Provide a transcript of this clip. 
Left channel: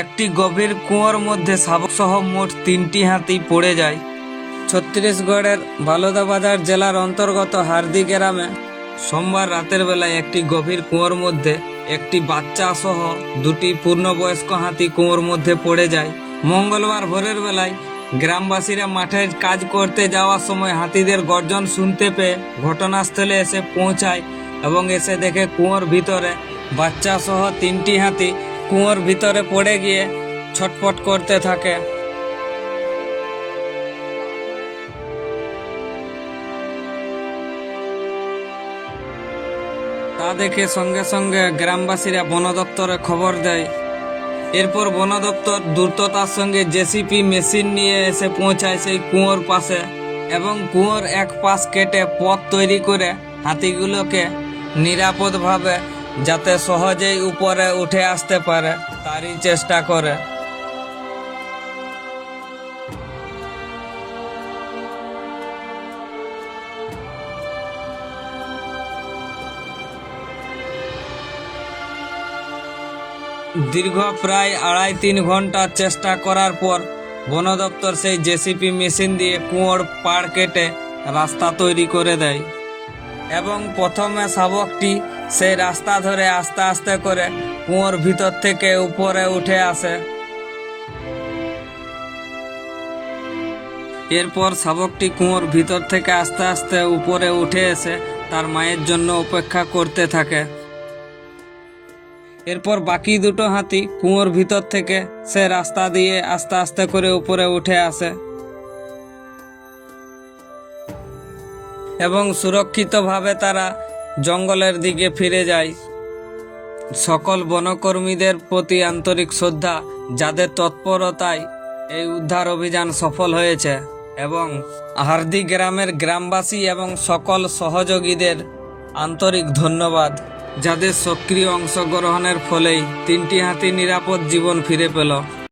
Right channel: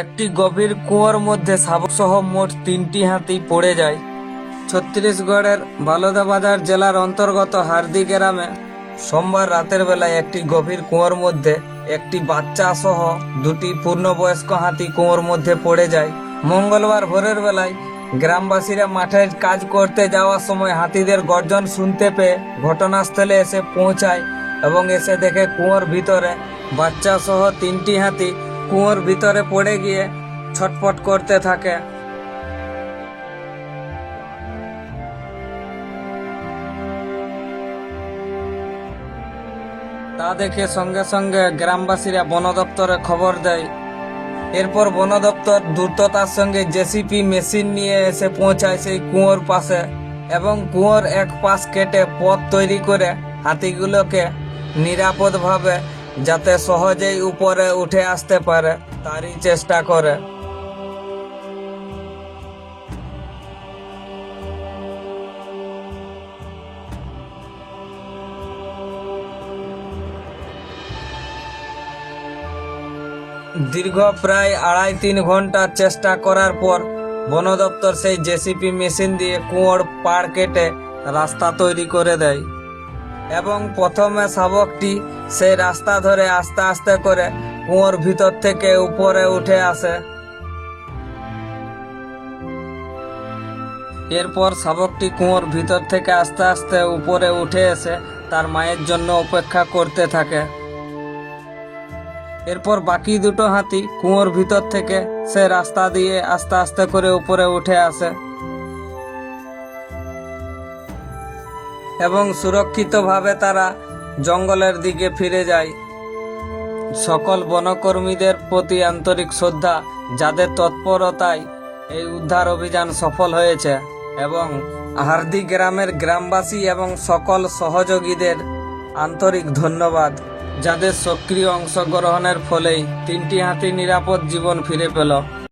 একটি গভীর কুয়োর মধ্যে শাবকসহ মোট তিনটি হাতি পড়ে যায়। ছত্তিশগড়ের বালোদাবাজার জেলার অন্তর্গত হার্দি গ্রামে সোমবার রাতের বেলায় একটি গভীর কুয়োর মধ্যে একটি বাচ্চা সহ দুটি পূর্ণবয়স্ক হাতি কুয়োর মধ্যে পড়ে যায়। মঙ্গলবার ভোরের বেলায় গ্রামবাসীরা মাঠের কাজ করতে যাওয়ার সময় হাতিদের গর্জন শুনতে পেয়ে ঘটনাস্থলে এসে পৌঁছায় এবং এসে দেখে কুয়োর ভিতরে বাচ্চা সহ তিনটি হাতি কুয়োর ভিতরে পড়ে গিয়ে ছটপট করতে থাকে। তা দেখে সঙ্গে সঙ্গে গ্রামবাসীরা বন দপ্তরে খবর দেয়। এরপর বন দপ্তর দ্রুততার সঙ্গে জেসিপি মেশিন নিয়ে এসে পৌঁছায় সেই কুয়োর পাশে এবং কুয়োর এক পাশ কেটে পথ তৈরি করে হাতিগুলোকে নিরাপদভাবে যাতে সহজেই উপরে উঠে আসতে পারে, তারই চেষ্টা করে। দীর্ঘ প্রায় আড়াই তিন ঘণ্টা চেষ্টা করার পর, বন দপ্তর সেই জেসিপি মেশিন দিয়ে কুয়োর পাড় কেটে রাস্তা তৈরি করে দেয়। এবং প্রথমে শাবকটি সেই রাস্তা ধরে আস্তে আস্তে করে কুয়োর ভিতর থেকে উপরে উঠে আসে। এরপর শাবকটি কুয়োর ভিতর থেকে আস্তে আস্তে উপরে উঠে এসে তার মায়ের জন্য অপেক্ষা করতে থাকে। এরপর বাকি দুটো হাতি কুয়োর ভিতর থেকে সে রাস্তা দিয়ে আস্তে আস্তে করে উপরে উঠে আসে। এবং সুরক্ষিতভাবে তারা জঙ্গলের দিকে ফিরে যায়। সকল বনকর্মীদের প্রতি আন্তরিক শ্রদ্ধা, যাদের তৎপরতায় এই উদ্ধার অভিযান সফল হয়েছে এবং হার্দি গ্রামের গ্রামবাসী এবং সকল সহযোগীদের আন্তরিক ধন্যবাদ, যাদের সক্রিয় অংশগ্রহণের ফলেই তিনটি হাতি নিরাপদ জীবন ফিরে পেল।